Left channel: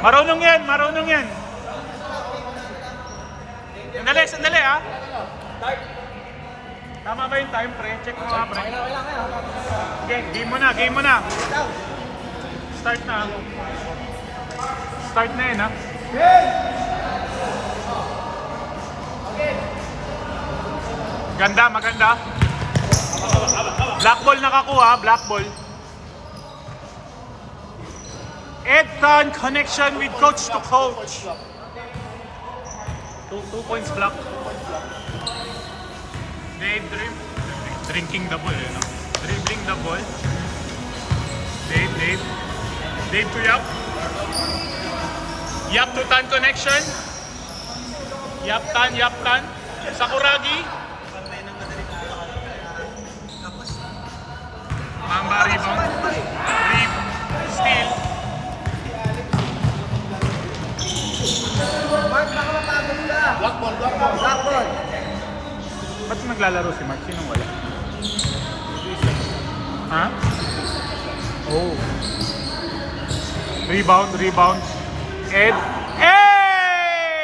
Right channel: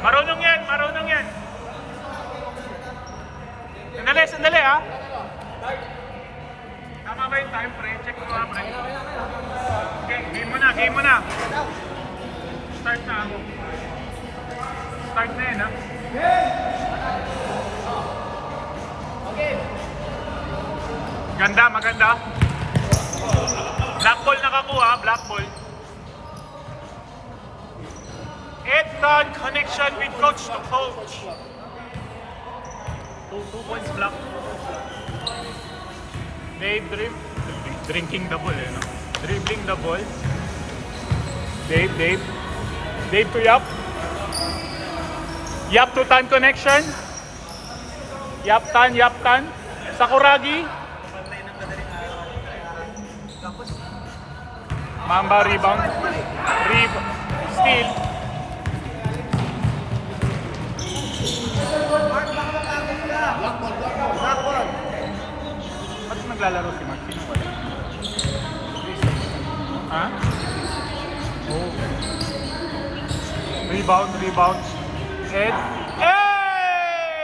Marunong yan, marunong yan. Sandali, sandali ha. Tama ba yung time, pre? Check mo nga, pre. Okay, game mo na, game mo na. Start na. Start na yun, ha? Okay. Ganda, maganda. Black ball nakakuha, black ball. Edtan connection with coach to coach. 2 points block. Dave drinking the ball, no? Dribbling the ball. Dave to Yap. Yap to Tan connection. Yap Tan. Sakuragi. Mamba rebound. Steal. Black ball. Ba't naglalaro si Mark? Sino ba? Ha? Oh. Rebound. Ed. Hey!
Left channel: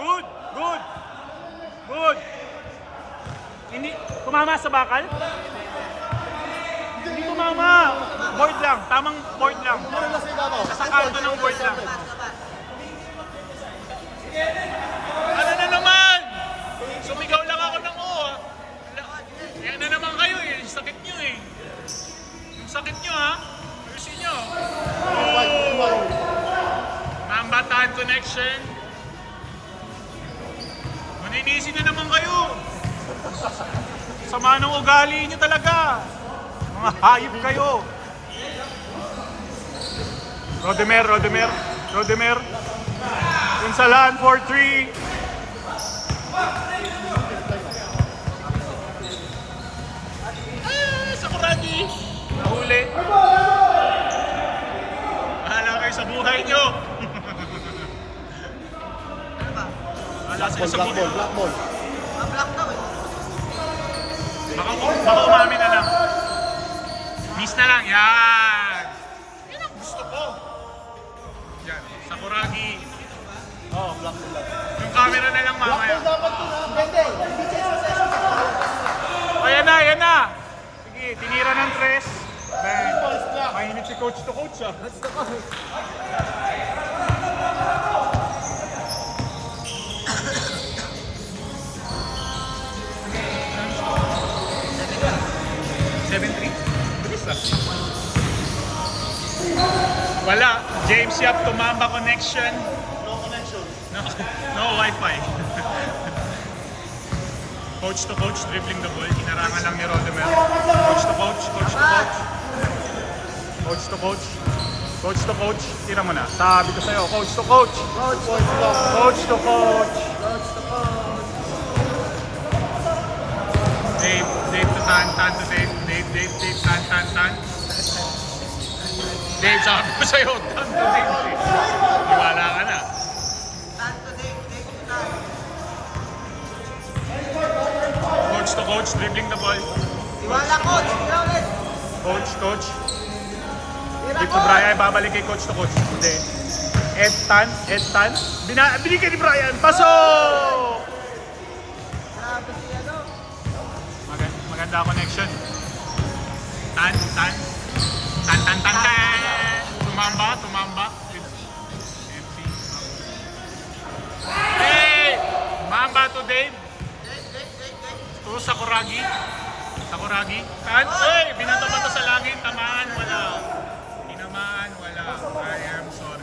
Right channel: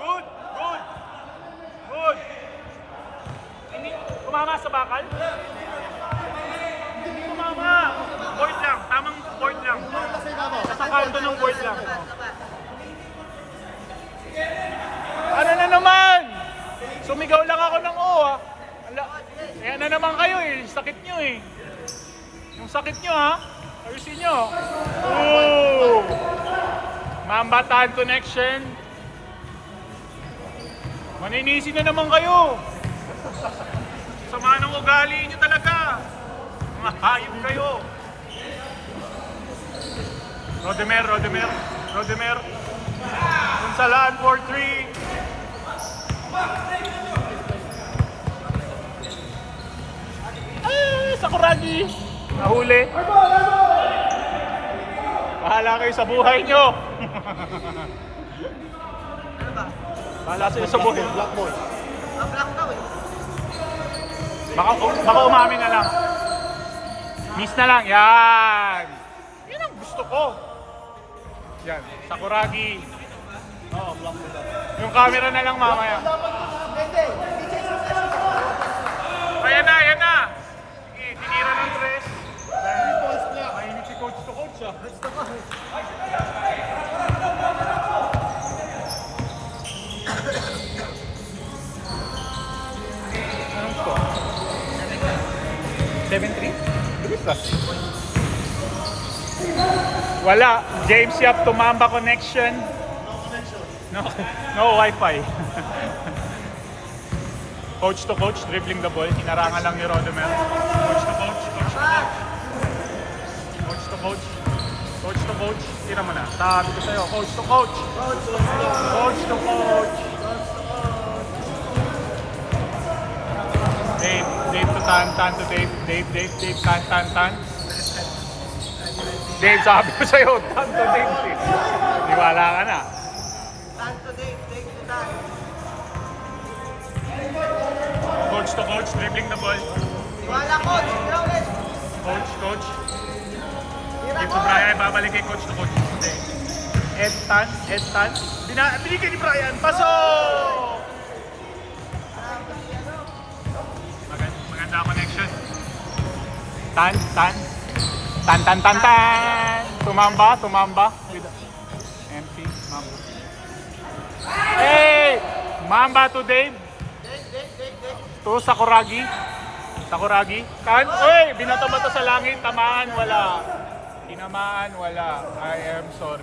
Good. Kumama sa bakal? Hindi kumama. Board lang. Tamang board lang. Sa kanto ng board lang. Ano na naman? Sumigaw lang ako ng o, ha? Yan na naman kayo, eh. Sakit nyo, eh. Ang sakit nyo, ha? Ayusin nyo. Oh! Mamba Tard connection. Maninisi na naman kayo. Sama ng ugali nyo talaga. Mga hayop kayo. Rodemer. Pinsalan, 4-3. Sakuragi. Nahuli. Bahala kayo sa buhay nyo. Ano ba? Bahala sila sa buhay. Black ball. Black daw eh. Baka umami na lang. Miss na lang. Yan. Yan ang gusto ko. Yan. Sakuragi. Yung camera na lang mamaya. O yan na. Sige, tinira ng Chris. Mainit si coach to coach. Wala. James Yap to Mamba connection. No Wi-Fi. Coach to coach, dribbling the ball. Narangan lang ni Rodemer. Coach to coach. Tira mo na. Sabi ko sa'yo, coach to coach. Dave to Tan to Dave. Dave, Tan. Dave, sabi ko sa'yo, Tan to Dave. Iwala ka na. Tan to Dave to Tan. Coach to coach, dribbling the ball. Coach. Dito Brian, babalik kay coach to coach. Okay. Edtan. Binigyan ni Brian. Pasok! Maganda connection. Tan. Tumamba. Hey! Mamba to Dave. To Sakuragi. Hey! Binatamata sa langit. Tamaan, wala. I am sorry.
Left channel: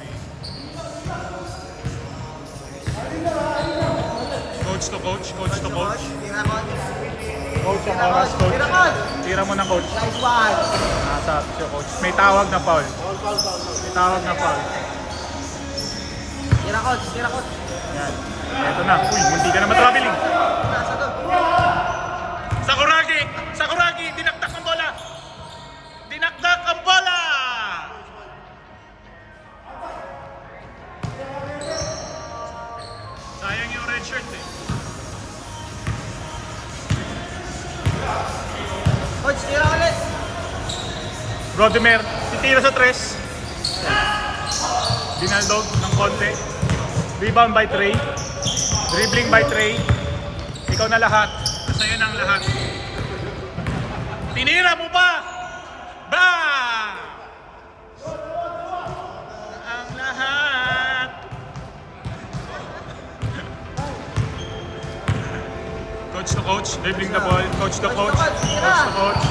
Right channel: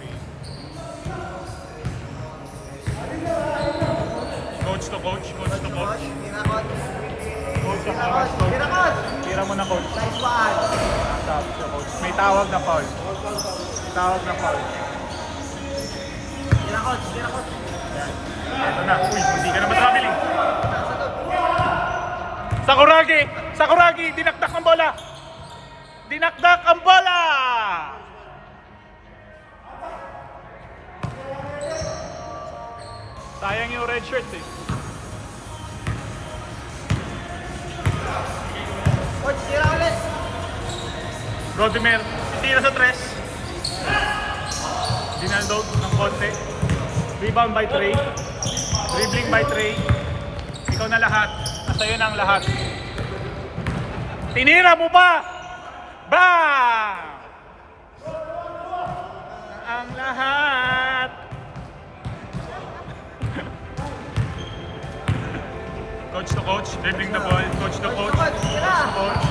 Coach to coach. Tira mo na coach. May tawag na foul. Tira coach. Ito na. Hindi ka na matawagin. Sakuragi, dinakdak ang bola. Sayang yung red shirt, eh. Coach, tira ulit. Rodemer, tira sa tres. Binandog ng konti. Rebound by Trey. Dribbling by Trey. Ikaw na lahat. Nasa'yo na ang lahat. Tinira mo ba? Ba! Ang lahat. Coach to coach. Dribbling the ball. Coach to coach. Coach to coach.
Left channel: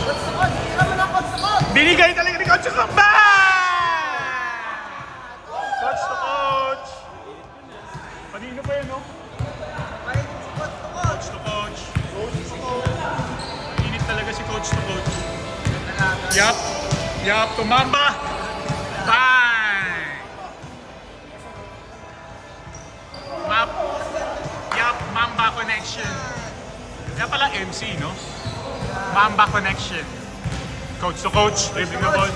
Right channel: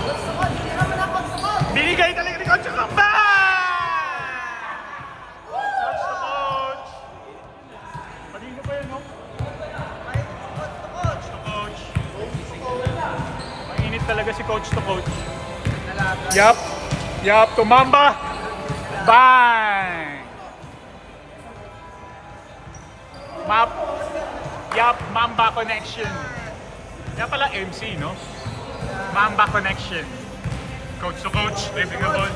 Binigay talaga ni Coach to ba! Coach to coach. Kanina pa yun, no? Coach to coach. Init talaga si Coach to coach. Yup. Yup. Tumamba. Bang! Map. Yup. Mamba connection. Yan pala MC, no? Mamba connection. Coach to coach. Dribbling the ball.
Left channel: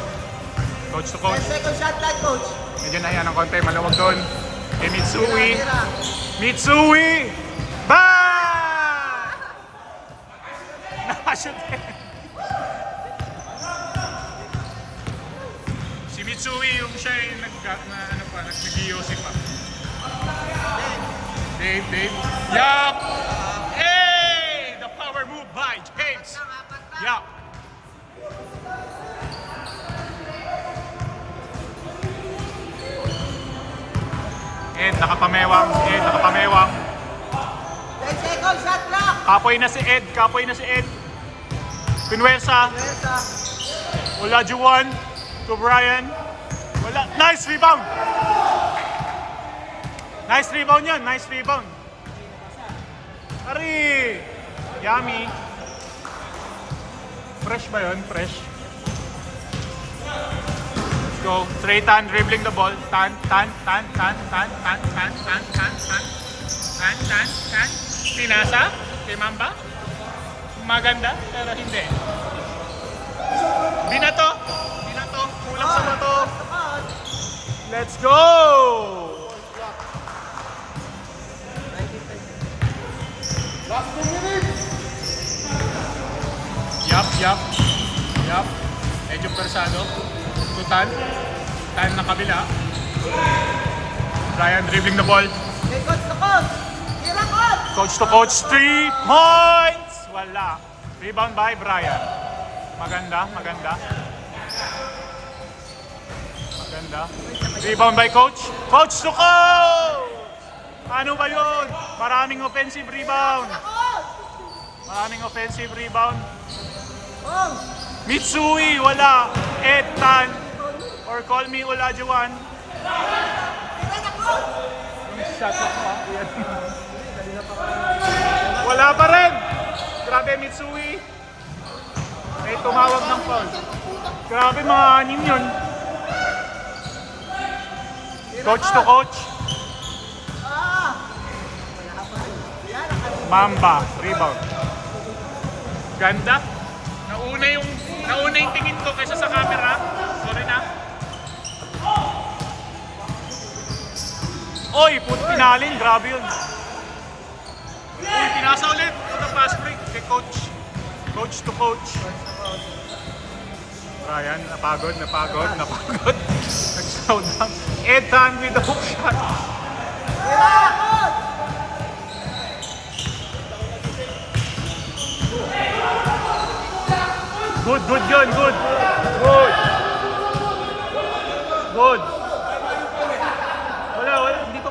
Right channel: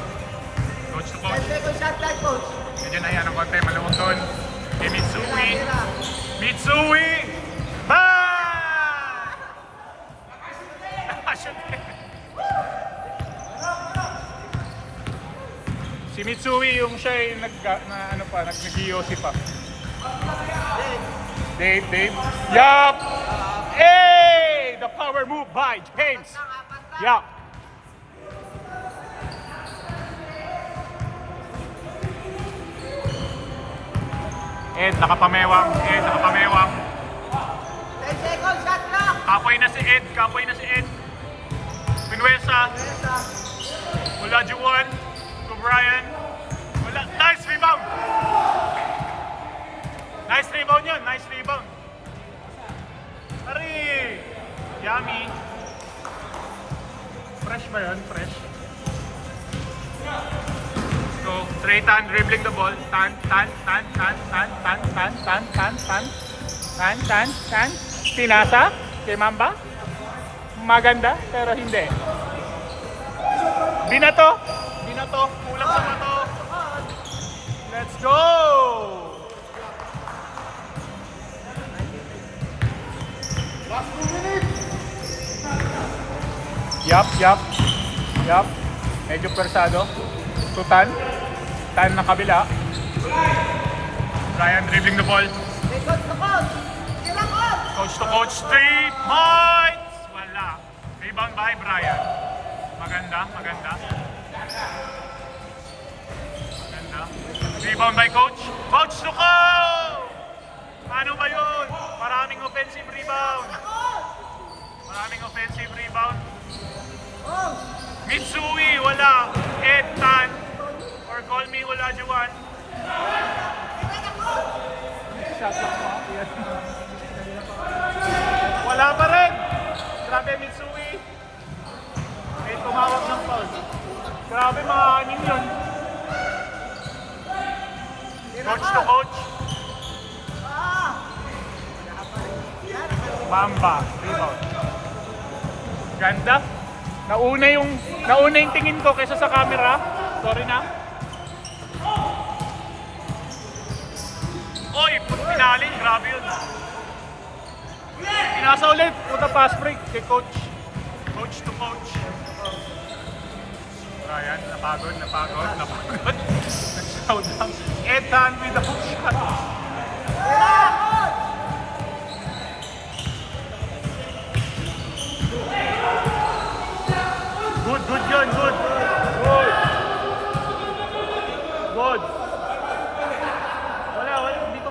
Coach to coach. Second shot na, coach. Medyo na yan ang konti. Maluwag doon. Kay Mitsui. Mitsui! Bang! Nakashoot. Si Mitsui yung siya yung nag-DOC pa. Dave. Yup! Hey! The power move by James. Yup. Ed, nakapamewang. 10 second shot lang. Kapoy na si Ed. Pinuesa. Wala Juwan. To Brian. Wala. Nice rebound. Nice rebound yan. Nice rebound. Ari. Yummy. Fresh ba yun? Fresh. Let's go. Trey Tan dribbling the ball. Tan. Pinasa. Kay Mamba. Maganda, pero hindi. Binato. Kulang sa bato. Let's go! Yup. Medyo persado. Tutan. Time na kabila. Brian dribbling the ball. Coach to coach. 3 points! Wala. Rebound by Brian. Maganda. Rebound by coach. Coach to coach! Ano ba yun? Maraming offensive rebound. Mitsui, wala. Etan. Or call me wala Juwan. Wala pa rin. Grabe Mitsui. May tumawag ng foul. Grabe mga anim yun. Coach to coach. Mamba, rebound. Ganda. Nauna yung tingin ko kaysa sa camera. Sorry na. Oy, pinalin. Grabe yun. Pinasa ulit. Puta pass break kay coach. Coach to coach. Ayan, napagod. Nag-sound lang. Edan with the hook shot. Good yun, good. Wala, hindi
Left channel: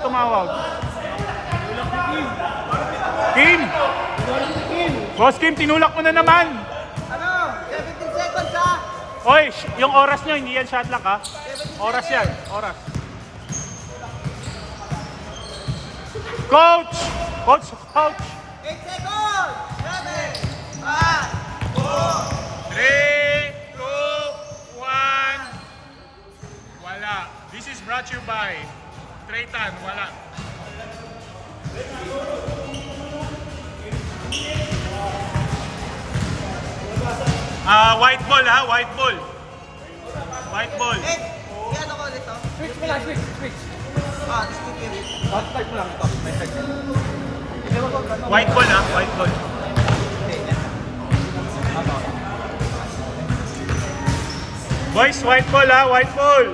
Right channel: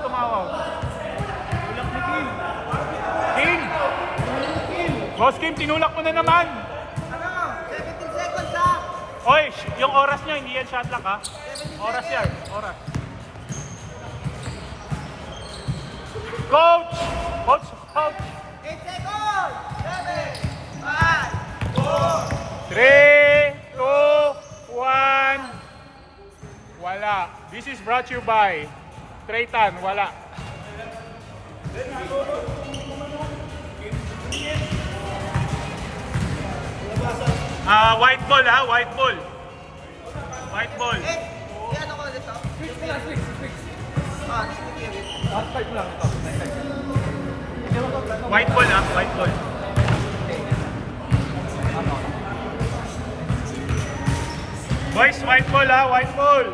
tumawag. Kim! Boss Kim, tinulak mo na naman. 17 seconds ha. Oy, yung oras nyo, hindi yan shot clock ha. Oras yan, oras. Coach! 8 seconds. 7, 5, 4. 3, 2, 1. Wala. This is brought to you by Trey Tan. Wala. White ball ha, white ball. Switch pala, switch. White ball ha, white ball. Boys, white ball ha, white ball.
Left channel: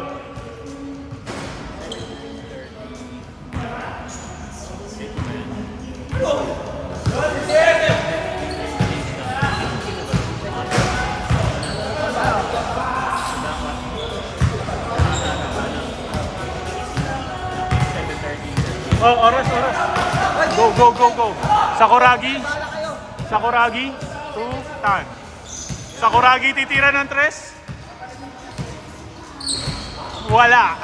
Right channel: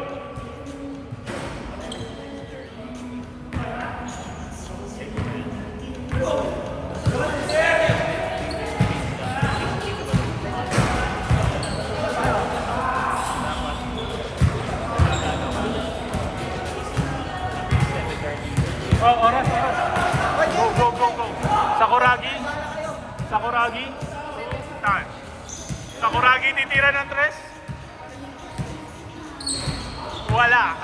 Sakuragi. Sakuragi. To Tan. Sakuragi titira ng tres. Wala.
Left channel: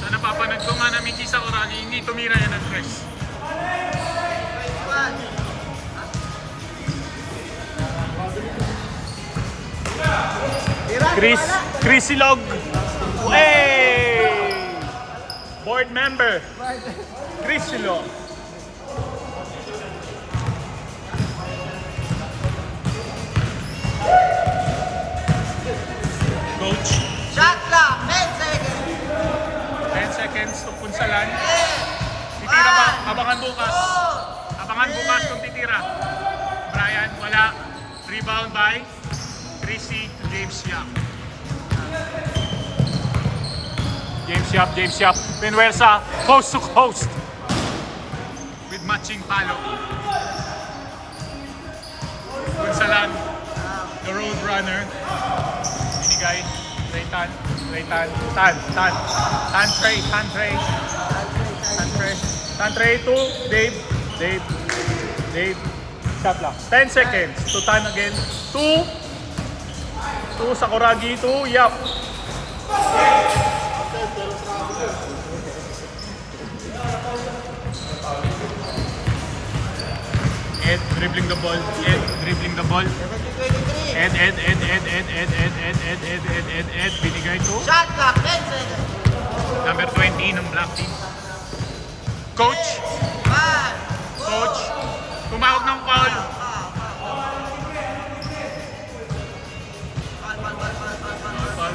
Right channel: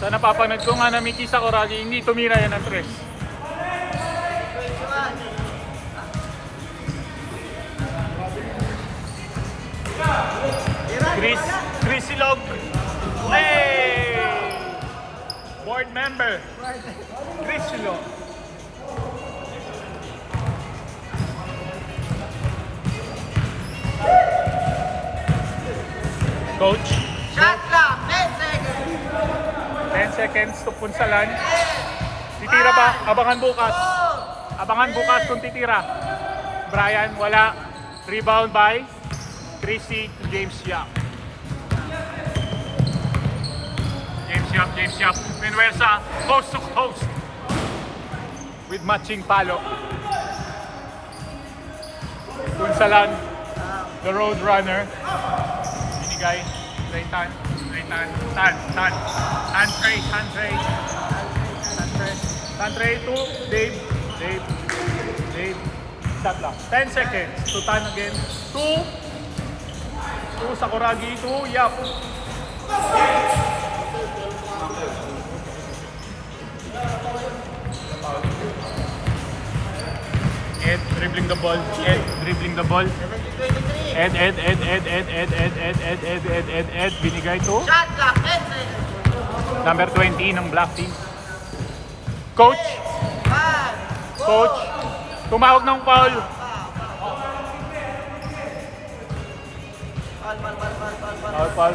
Sa napapanood ko nga na Miki Sakuragi, hindi tumira yan ng tres. 21. Chris Silog. Hey! Board member. Chris Silog. Coach, Shot clock, 10 seconds. 10 seconds to Punsalan. Titira ba? Abangan bukas. Abangan bukas kung titira. Brian, wala. Rebound by Tracy James Yap. James Yap. Pinuwersa, coast to coast. With matching palo. Punsalan, the road runner. Binigay. Tan Trey to Dave. Shot lang. 10 seconds. To Tan again. To Sakuragi. To Yap. Ed dribbling the ball. Ed. Binigay to Shot clock, 10 seconds. number 20 ng Black Team. Coach, 5, 4. Coach, tumawag ng foul.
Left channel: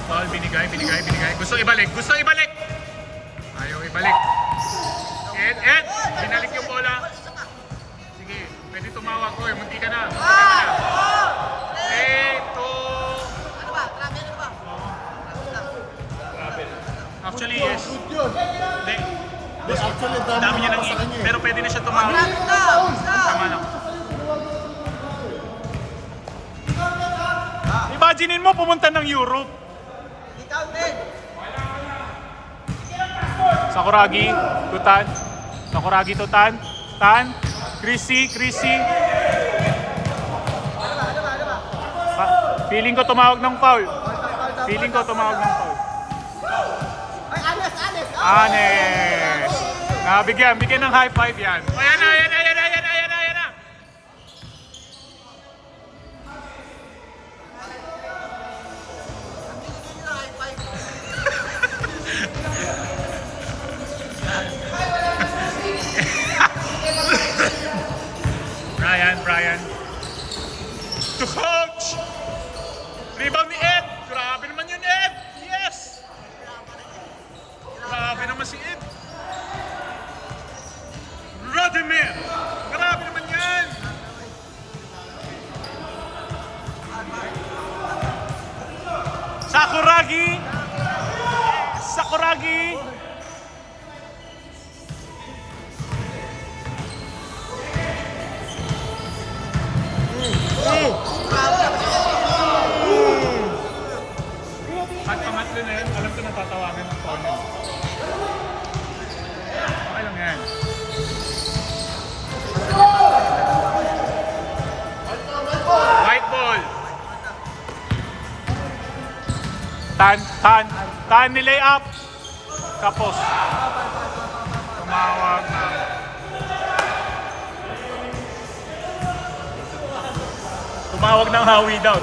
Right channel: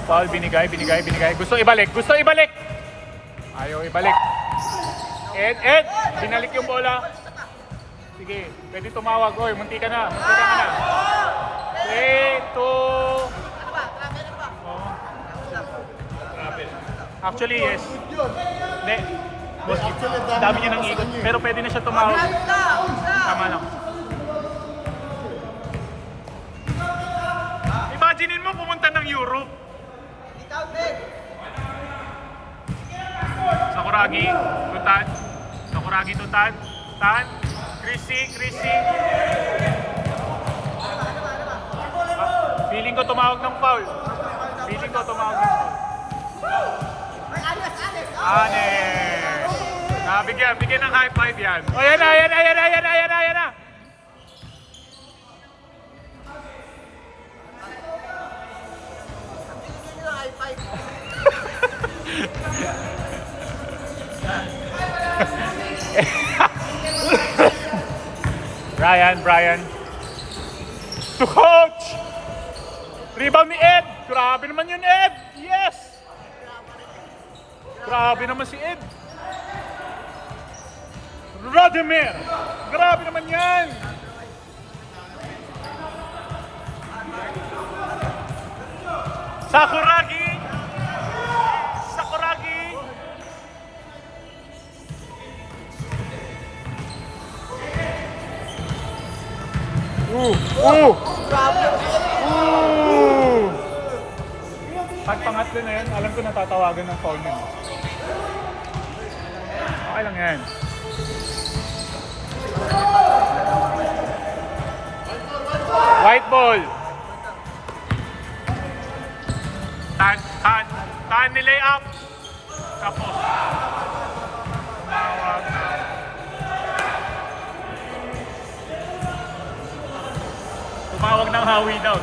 Foul, binigay. Gusto ibalik. Ayaw ibalik. Ed, binalik yung bola. Sige, pwede tumawag. Oy, munti ka na. 3, 2. Ano ba? Travel ba? Travel. Actually, yes. Boss, dami niya ng ikot. Pero pwede na siya tumawag. Travel daw. Tama lang. Imaginein mo pumunta ng Europe. Sakuragi, Tutan. Sakuragi, Tutan. Tan. Chrissy. Feeling ko tumawag ng foul. Anes. Bigyan ng high five yan. Ayan na. Bigyan nyo ng high five. Brian. To coach! Rebound ni Ed! Grabe naman yun, Ed! Yes! Grabe naman si Ed! Radimir! Grabe naman yan! Sakuragi! Pag pangatlo na yan, alam ko na tatawagan ng phone niya. Ano nga yan? White ball. Tan nilay up. Tapos. Tumawag ng hawi daw.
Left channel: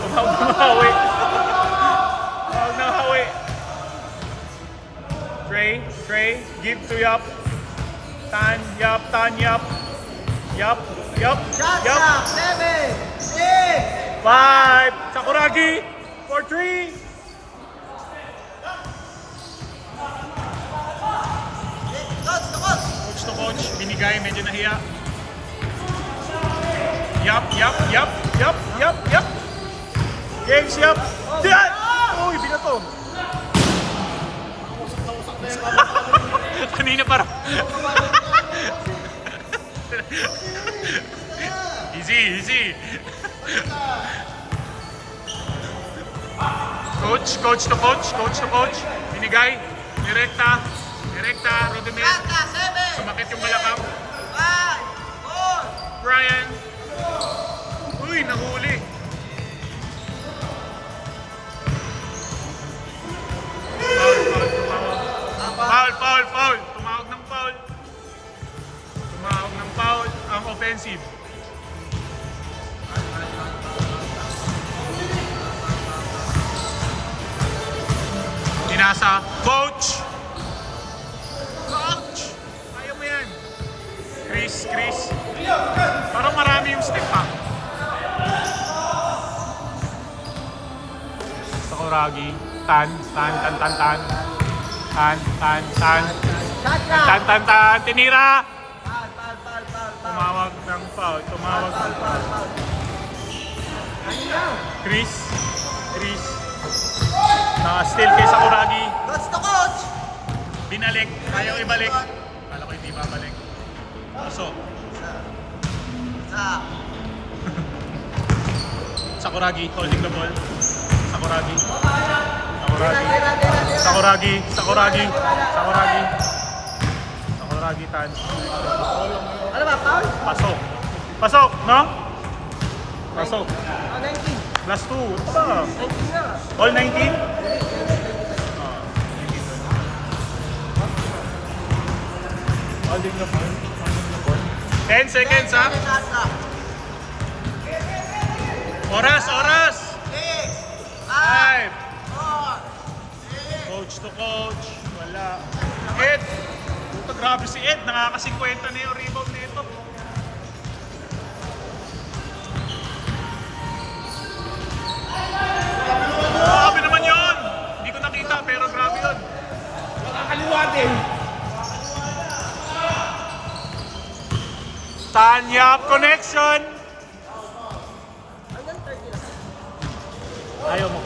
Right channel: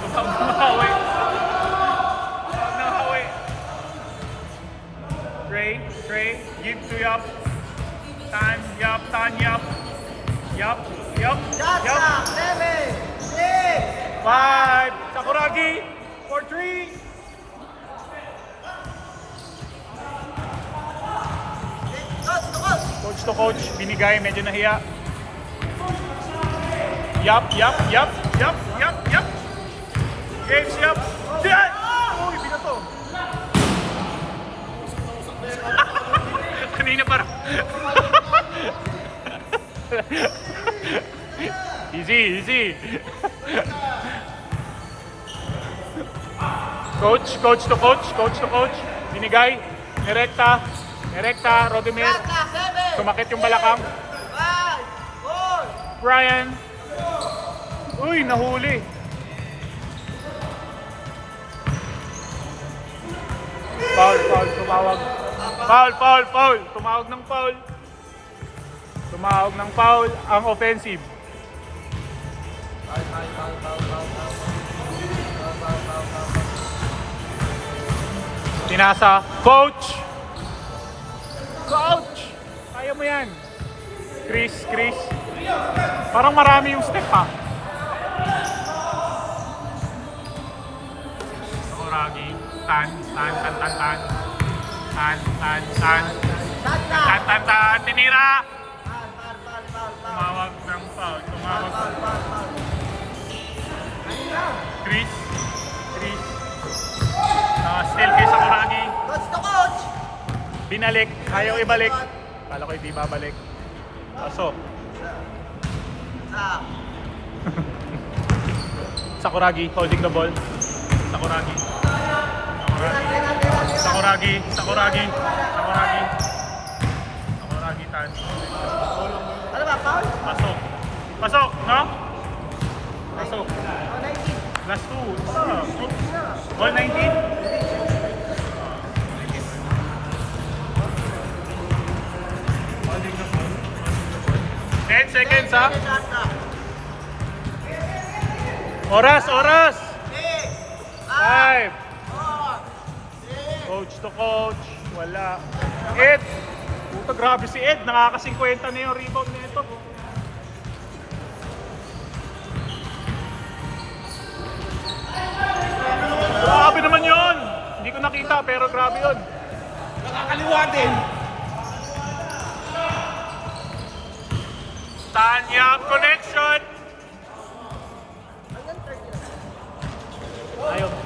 Trey, give to Yap. Tan, Yap. Shot clock, 7, 6. 5. Sakuragi for 3. Coach to coach. Binigay, medyo nahiya. Yap. James Yap. Diyan! Uy, binato. Kanina parang. Easy. Coach to coach. Binigay. Nirekta. Rodimir. Shot clock, 7. Sumakit yung balakang. 5, 4, Brian. Uy, nahuli. Foul, foul, tumawag. Foul. Tumawag ng foul. Tumawag ng foul ang offensive. Inasa. Coach! Coach! Kaya mo yan. Chris. Parang marami yung step ha. Sakuragi. Tan. Tinira! Tumawag ng foul. Chris. Still kay Sakuragi. coach to coach. Binalik. Ayaw ibalik. Kala ko hindi babalik. Pasok. Sa. Sakuragi holding the ball. Sakuragi. Tan. Ano ba, foul? Pasok, no? 19. Last 2. Isa. 19 na. All 19? Holding the ball. 10 seconds, ha? Oras! 6, 5. 4, 3, Coach to coach. Wala. Ed. Ito, grabe si Ed. Nakaka-50 na yung rebound na ito. Grabe naman yun. Hindi ko nakita pero grabe yun. Nakakaliwa din. Tanyap connection. Ayaw mo.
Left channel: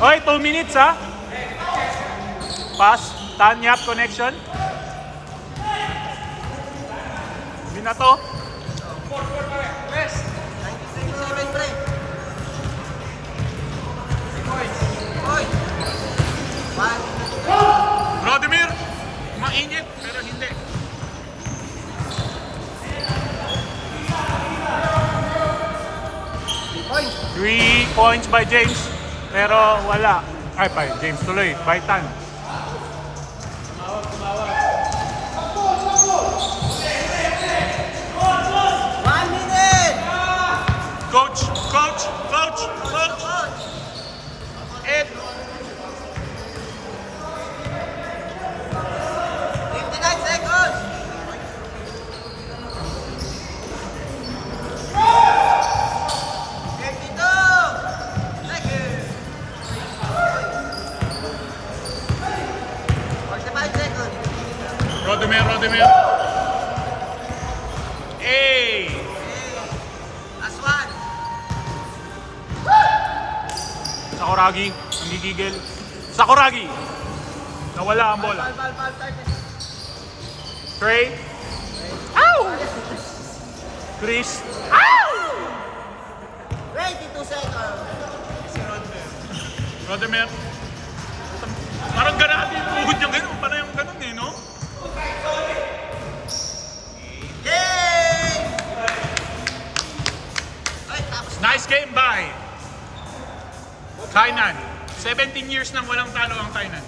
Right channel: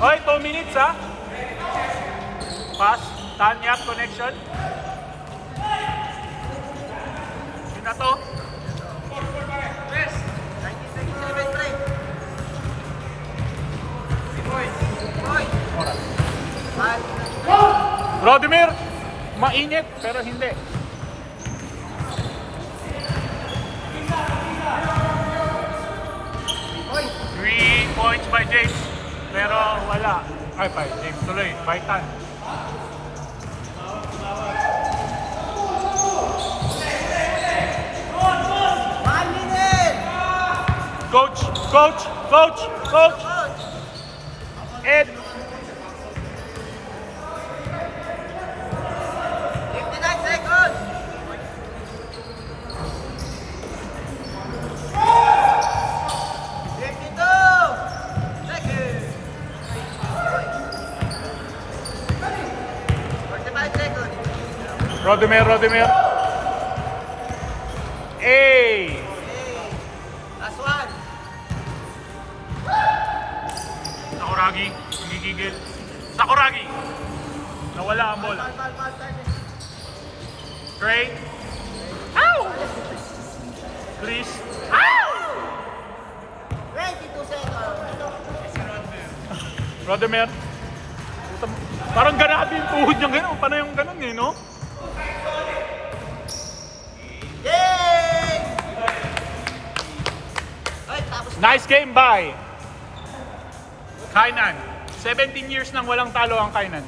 Okay, 2 minutes ha. Pass. Tanyap connection. Hindi na to. 97, pre. Oy. 1. Rodimir, mainit pero hindi. Three points by James, pero wala. Ay, by James tuloy, by Tan. Coach! Ed! 59 seconds. Rodimir. Hey! Last one. Sakuragi, nanggigigil. Sakuragi! Nawala ang bola. Trey. Ow! Chris. 22 seconds. Rodimir. Parang ganado yung tuhod niya ngayon. Paano yung ganun eh, no? Game! Ay, tapos Nice game by Kainan. 17 years nang walang talo ang Kainan.